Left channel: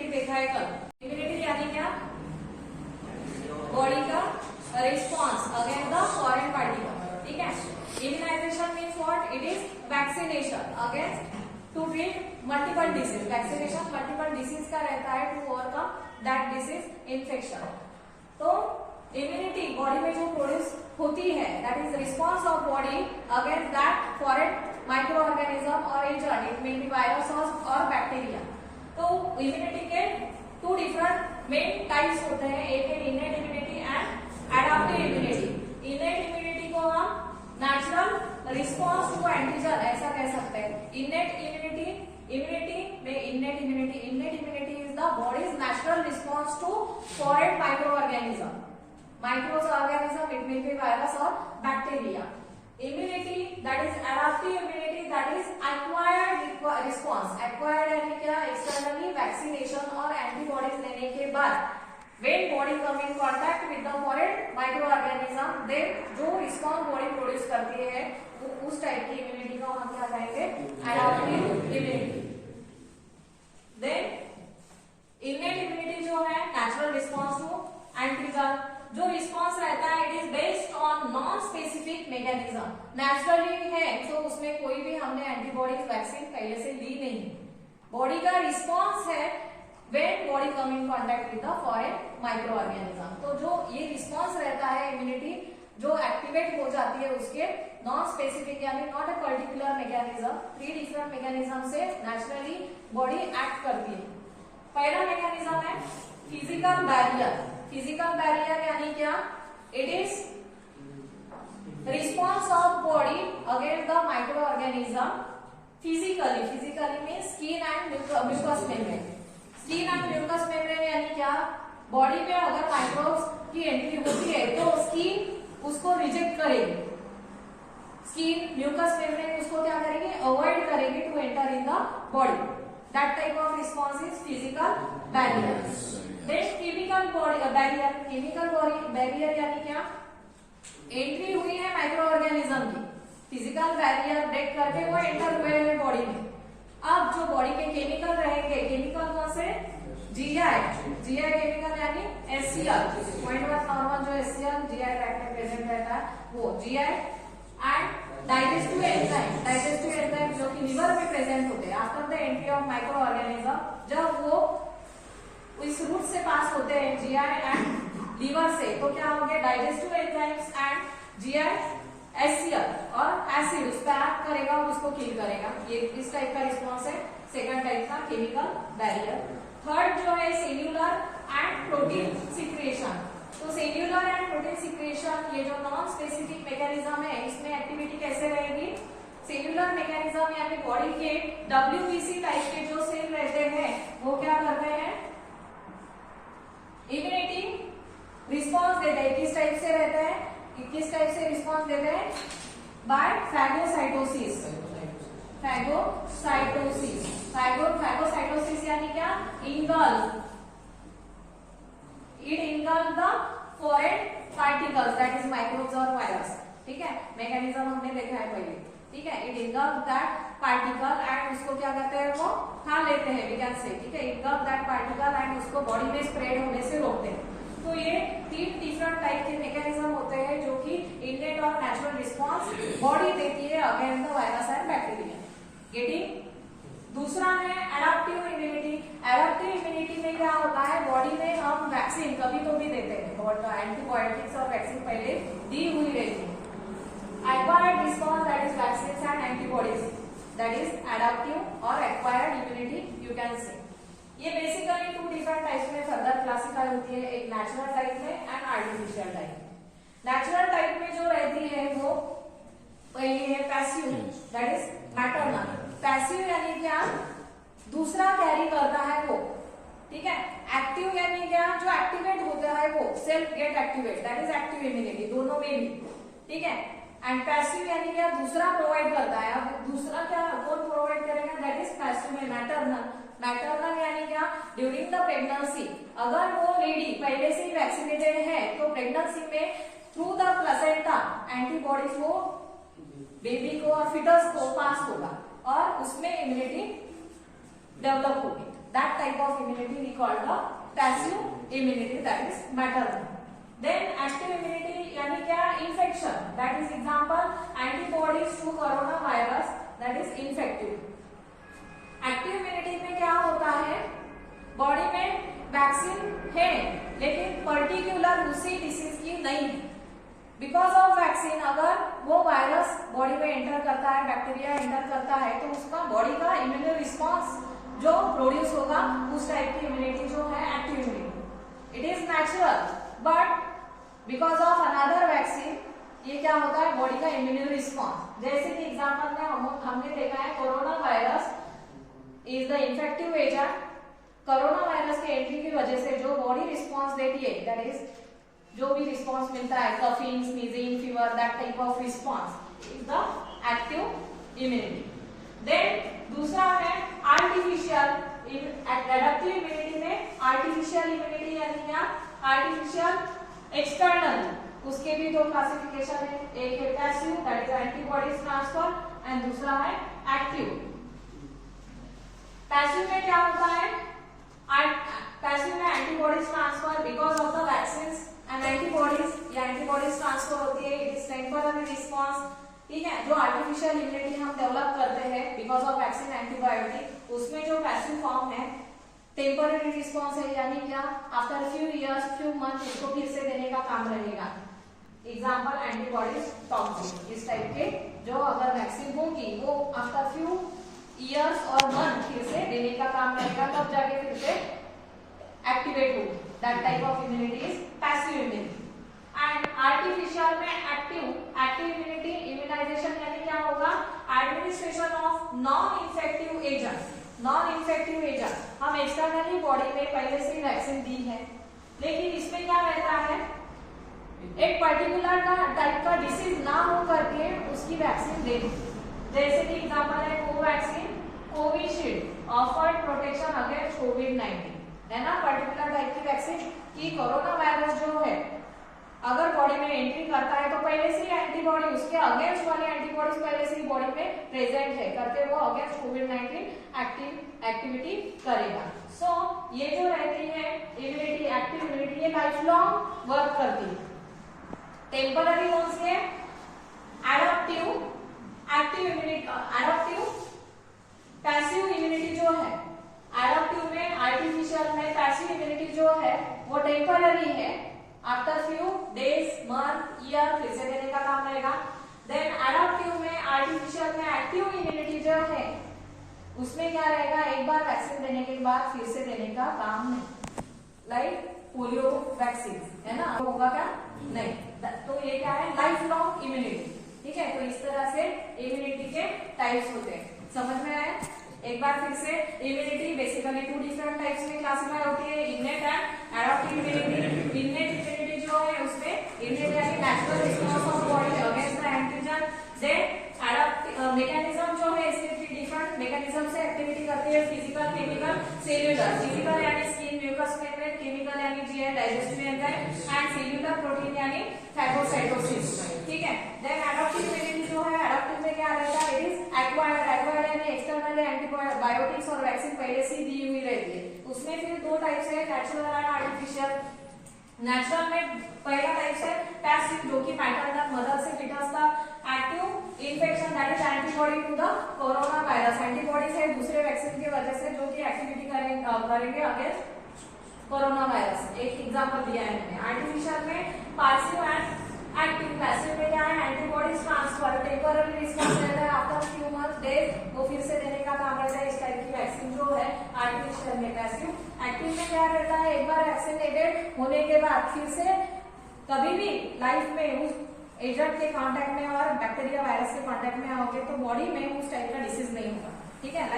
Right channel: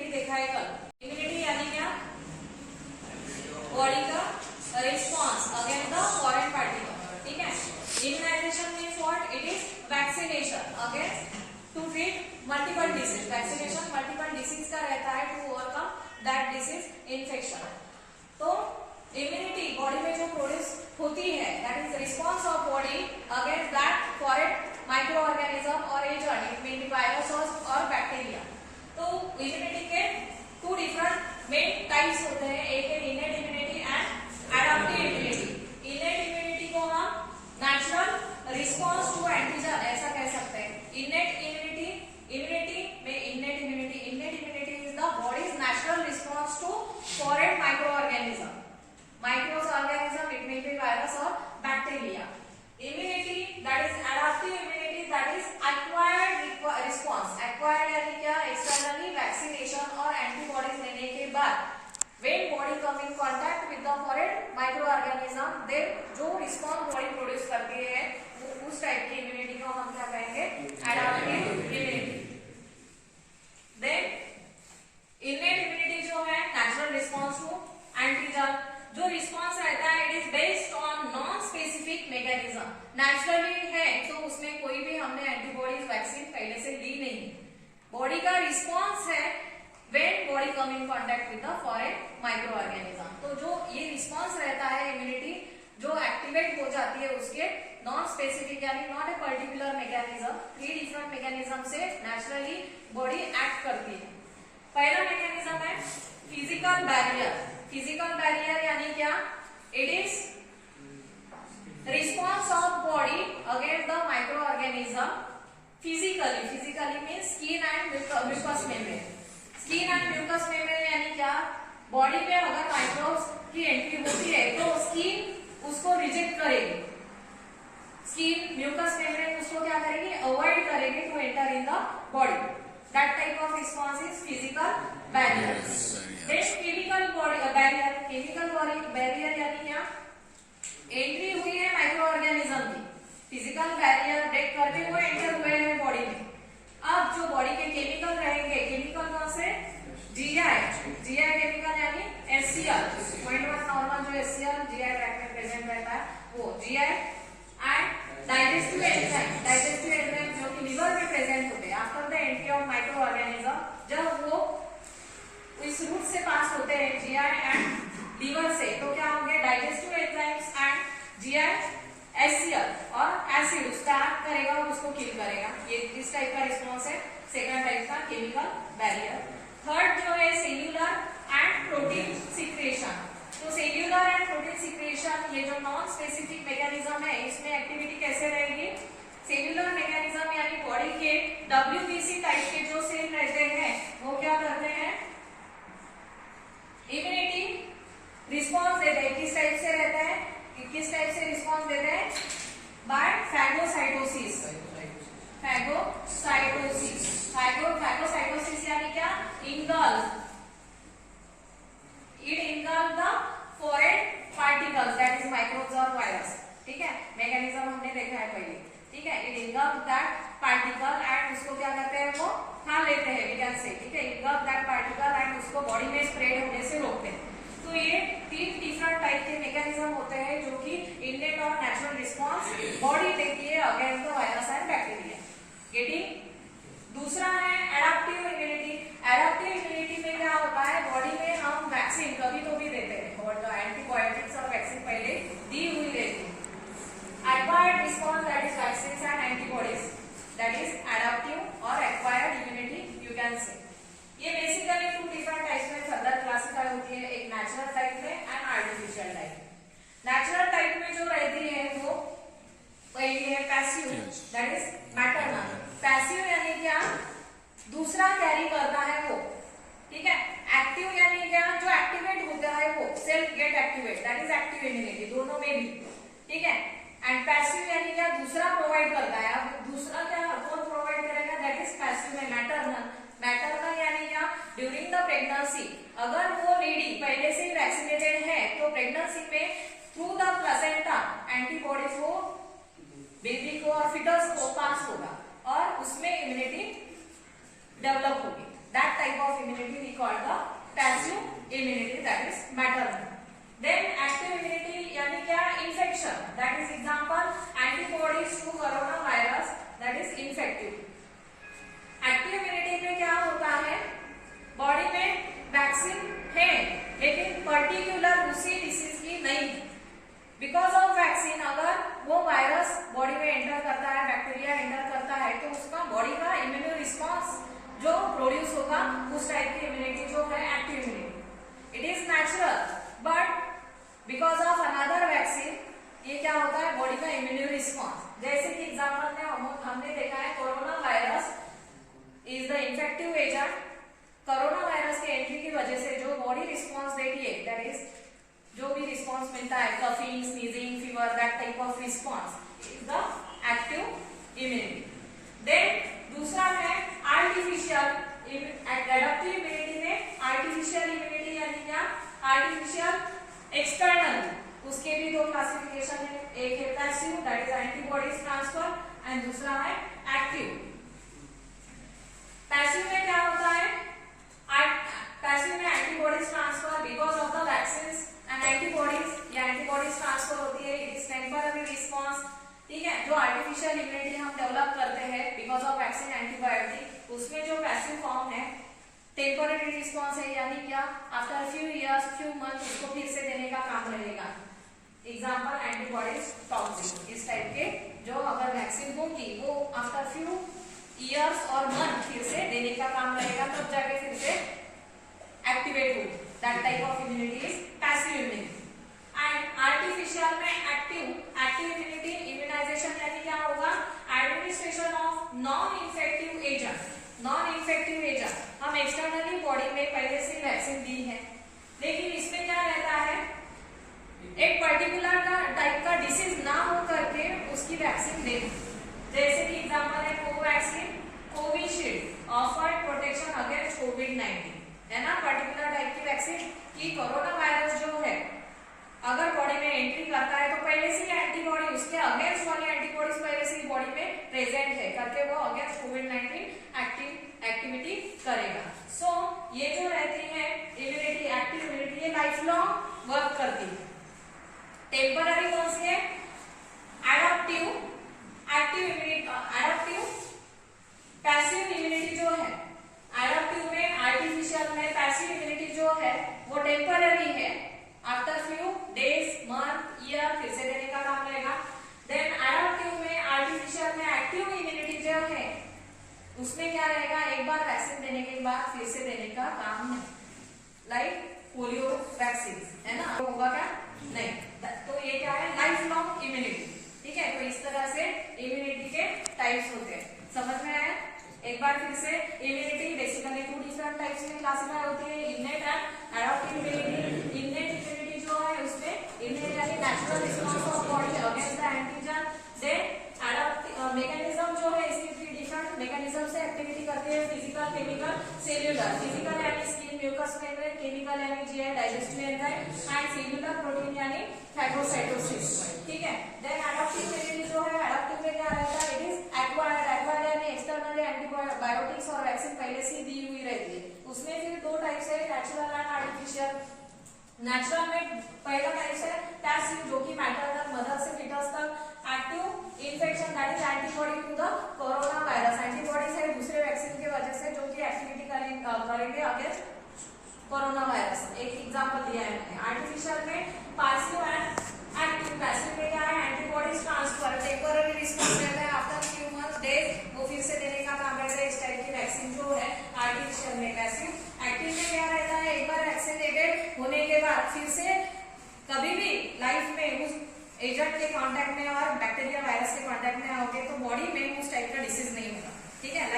Immunity देखा है कल। इम्यूनिटी यानी क्या? बॉडी का response against the foreign particle, ठीक है। Immunisation means what? It is vaccination against to treat multiple disease. Vaccination multiple disease का रहता है to overcome that disease infection. तो इम्यूनिटी बॉडी में जो प्रोड्यूस होती है that is response of body against that foreign micro organism और agent, it may be virus और बैक्टीरिया। तो इम्यूनिटी के टू डिफरेंट मेन टाइप्स होते हैं, एक है innate immunity and adaptive immunity. Innate immunity को हम नेचुरल रिस्पॉन्स टू एंटीजन ऐसा कह सकते हैं। इनेट इम्यूनिटी में innate immunity is the body's natural response to foreign micro organism, it may be virus or bacteria. Immunity that is adaptive immunity, that is acquired response. Acquired यानी क्या? Externally vaccination और antibodies लेने के बाद when body come in contact with the foreign microorganism, then जो response body produce करती है उस टाइप की immunity को हम क्या कहेंगे? Adaptive immunity. Then innate immunity जो है natural response to antigen, जो रिस्पॉन्स रहता है it is based on non specific mechanism. Naturally है तो उसमें कोई भी हमने एंटीबॉडीज वैक्सीन पहले से ली नहीं। बॉडी का रिस्पॉन्स है when body come in contact with the foreign micro organism. तो जो ये रिस्पॉन्स रहता है इम्यूनिटी जो एक्टिवेट हो जाती है उसके नॉन स्पेसिफिक यानी not a particular mechanism, 3 different mechanism से नेचुरली बॉडी एक्ट करती है। पहला मैकेनिज्म है फिजिकल बैरियर। फिजिकल बैरियर यानी क्या? It is response of body against the microorganism physically mean skin and mucous membrane. Skin and mucous membrane यानी क्या? Body में अगर माइक्रोब्स की एंट्री होती है तो स्किन उसको रिजेक्ट करेगी, स्किन म्यूकस मेम्ब्रेन उसको क्या करेगी? अवॉइड करेगी to enter in the body. That type of response is physical barrier. Then chemical barrier. Chemical barrier यानी क्या? एंट्री हुई है माइक्रो ऑर्गेनिज्म की, फिजिकल बैरियर ब्रेक करके वो एंटर हुए हैं बॉडी में। अब जो बॉडी के केमिकल रहेंगे, केमिकल कौन से? जीआई केमिकल यानी एचसीएल, पॉइंट वन नॉर्मल जो एचसीएल जीआई ट्रैक्ट में प्रेजेंट रहता है वो जीआई एंड डाइजेस्टिव एंजाइम जो कि लिवर में प्रेजेंट होते हैं after the entry of micro organism. जब वो इस रूट से पास होते हैं जीआई एंड लिवर से तो क्या होंगे? Digestive enzymes and GI HCL और एसिड उसका एक्ट करेगा और उसको किल करेगा। ये इस टाइप का रिस्पॉन्स है सेकंड टाइप का केमिकल बैरियर। थर्ड जो है सेल्यूलर एंड प्रोटीन सिक्रेशन। तो सेल्यूलर एंड प्रोटीन सिक्रेशन ये जो नॉन स्पेसिफिक मैकेनिज्म है इसमें एक्टिविटी कैसे रहेगी? सेल्यूलर मैकेनिज्म यानी बॉडी के डब्ल्यूबीसी टाइप के जो सेल रहते हैं वो क्या करते हैं? इम्यूनिटी रिस्पॉन्स देते हैं। किस टाइप से रहता है? किस टाइप से रिस्पॉन्स देते हैं? Bye phagocytosis. फैगोसाइटोसिस यानी क्या? It engulf the foreign particles that is microbes or virus, ठीक है। मैकेनिज्म हमने देखा है पहले, ठीक है। It engulf that particle and उसको क्या करते हैं? वो खा लेते हैं, we can say, ठीक है। engulf that particle and उसको बॉडी में स्प्रेड होने से रोकते हैं। तो ये 3 डिफरेंट टाइप के मैकेनिज्म होते हैं जो कि इनेट और नेचुरल रिस्पॉन्स बॉडी देती है against the virus and bacteria. Getting? दूसरा है एडाप्टिव इम्यूनिटी। एडाप्टिव इम्यूनिटी में क्या होता है? बॉडी में हम वैक्सीन कभी तो भी देते हैं और एंटीबायोटिक्स और वैक्सीन पहले दी हुई रहती है। Acquired response that is vaccine and antibodies that is adaptive और acquired immunity you can say. ये बेसिकली 2 डिफरेंट टाइप्स में फर्दर क्लासिफाई होती है, एक नेचुरल टाइप में and artificial type. Natural type में जो रहती है वो पहली है passive that is maternal. Passive यानी क्या? दूसरा कैरी करता है वो, ठीक है। एक्टिव यानी क्या? जो एक्टिवेट होता है वो self get activate that is active immunity, दोनों में भी, ठीक है। एंड पैसिव यानी क्या? दूसरा प्रोवाइड करता है। अब दूसरा क्या कौन प्रोवाइड करेगा? दैट इज पैसिव में मैटरनल यानी क्या? ड्यूरिंग द प्रेगनेंसी अगर वो लेडी पहले से ही वैक्सीनेटेड है तो प्रेगनेंसी में थ्रू द प्लेसेंटा एंटीबॉडीज वो बेबी को और फिटस को पास होगा और उसमें इम्यूनिटी डेवलप होगी। That type of immunity we call the passive immunity, that is maternal. Then active immunity यानी क्या? Infection, that is example antibodies to coronavirus, that is infective. Active immunity में क्या होता है? बॉडी में वैक्सीन है लेकिन पर्टिकुलर उसी डिसीज की नहीं है. बिकॉज ऑफ वैक्सीन अगर वो वायरस बॉडी में एंटर करता है, बैक्टीरिया एंटर करता है, तो उसका बॉडी का इम्यून रिस्पॉन्स जो प्रोड्यूस होगा उस टाइप की इम्यूनिटी जो है active immunity. It is natural but because of another vaccine ये क्या होता है? बॉडी का इम्यून रिस्पॉन्स. जैसे कि एग्जाम्पल में हमने देखा है corona virus is the infective agent. Corona virus के एंट्री की वजह से जो बॉडी रिस्पॉन्स देती है, दैट इज जो भी रिस्पॉन्स मिलता है, coughing, sneezing, fever, that type of response is the active immunity. Then दूसरा है आर्टिफिशियल एडेप्टिव इम्यूनिटी. में आर्टिफिशियल इम्यूनिटी यानी क्या? Artificial external. उसके भी दो क्लासिफिकेशन है. एक है passive, that is antibodies transfer, and दूसरा है एक्टिव. पैसिव में क्या होता है? पैसिव में antibodies transfer because of the vaccine and antibodies या एंटीबॉडीज ट्रांसफर होती है. It is temporary response. ठीक है. जो आर्टिफिशियल इम्यूनिटी हम डेवलप करते हैं बिकॉज ऑफ वैक्सीन, एंटीबायोटिक, उसमें जो पैसिव फॉर्म है टेम्पररी रिस्पॉन्स है, यानी क्या? After few years, few month उसको फिर से देने का काम रहेगा. Example antibodies toxin. इस टाइप के जो अगर वैक्सीन होगी वो आफ्टर फ्यू ईयर्स और मंथ फिर से देने का काम रहेगा, तब जाके फिर से एक्टिवेट होगी. That type of immunity is passive immunity. And artificial में एक्टिव इम्यूनिटी. इम्यूनाइजेशन यानी क्या होगा? Administration of non infective agent. Non infective agent हम एक्सटर्नली बॉडी में पहले से वैक्सीन दी है, लेकिन इसमें क्या रहता है? एक पर्टिकुलर का टाइप का डिसीज ना हो करके उसकी वैक्सीन दे. जैसे कि एग्जांपल है Covaxin, Covishield, offered protection against कोविड-19, है ना? पर्टिकुलर टाइप की वैक्सीन कि कोरोना वायरस जो है अगर बॉडी में एंट्री करता है तो पहले से एंटीबॉडी उसके अगेंस्ट वाली एंटीबॉडीज पहले से ही बॉडी में प्रेजेंट है करके वो अगेंस्ट कोविड-19 एक्टिविटी करेगा. सो ये जो रहती है इम्यूनिटी, एक्टिव इम्यूनिटी, ये लाइफ लॉन्ग वर्क करती है. टेम्पररी कौन सी है? Adaptive, active immunity. Adaptive, passive immunity जो है, एडप्टिव में, आर्टिफिशियल में पैसिव इम्यूनिटी जो है वो टेम्पररी है. After few days, month, year फिर से देने का काम रहेगा. देन एडप्टिव में, आर्टिफिशियल में एक्टिव इम्यूनिटी जो है उसमें क्या रहेगा? एक बार वैक्सीन देने के बाद फिर से देने का काम नहीं. लाइक पोलियो वैक्सीन है ना, होगा क्या? नहीं. तो ये क्या है? Life long immunity. ठीक है. तो इस तरह से इम्यूनिटी के टाइप्स होते हैं. समझ में आया? एक बार फिर से इम्यूनिटी बेसिकली 2 डिफरेंट टाइप्स में क्लासिफाई होती है, innate and adaptive immunity. Innate immunity जो है उसमें इनेट यानी natural response of body against the antigen. Then adaptive mechanism जो है इसके 3 डिफरेंट मैकेनिज्म से एक्टिविटी करती है. Physical, chemical, cellular. फिजिकल यानी स्किन, म्यूकस मेम्ब्रेन. केमिकल यानी GI, digestive enzyme. And cellular protein यानी फैगोसाइटोसिस. ठीक है. देन एडप्टिव इम्यूनिटी जो है, एडप्टिव में क्या रहता है? It is acquired. एक्वायर्ड यानी एक्सटर्नली एंटीबायोटिक्स और वैक्सीन पहले से दी हुई रहती है. उसमें फिर 2 टाइप्स है, नेचुरल एंड आर्टिफिशियल. नेचुरल में पहला टाइप है पैसिव, जो कि मैटरनल, मदर से फीटस का. Active infection, that is antibody to the coronavirus. Antibodies है दूसरे वैक्सीन की वजह से जो कि एक्टिविटी करेंगे अगेंस्ट कोरोना वायरस. एक एग्जांपल दिया है मैंने. आर्टिफिशियल में पैसिव एंड एक्टिव. पैसिव में क्या है? एंटीबॉडीज ट्रांसफर, टेम्पररी रिस्पॉन्स रहता है. आफ्टर फ्यू मंथ्स, डेज वो फिर से देने का काम रहता है. इस टाइप की वैक्सीन जो है आर्टिफिशियल में. पैसिव. एक्टिव में क्या रहता है? एक बार वैक्सीनेटेड होने के बाद फिर से कभी भी लाइफ में उस एजेंट के कांटेक्ट में और बैक्टीरिया, वायरस के कांटेक्ट में आओगे तो बॉडी में उस टाइप का डिसीज नहीं होगा. ठीक है.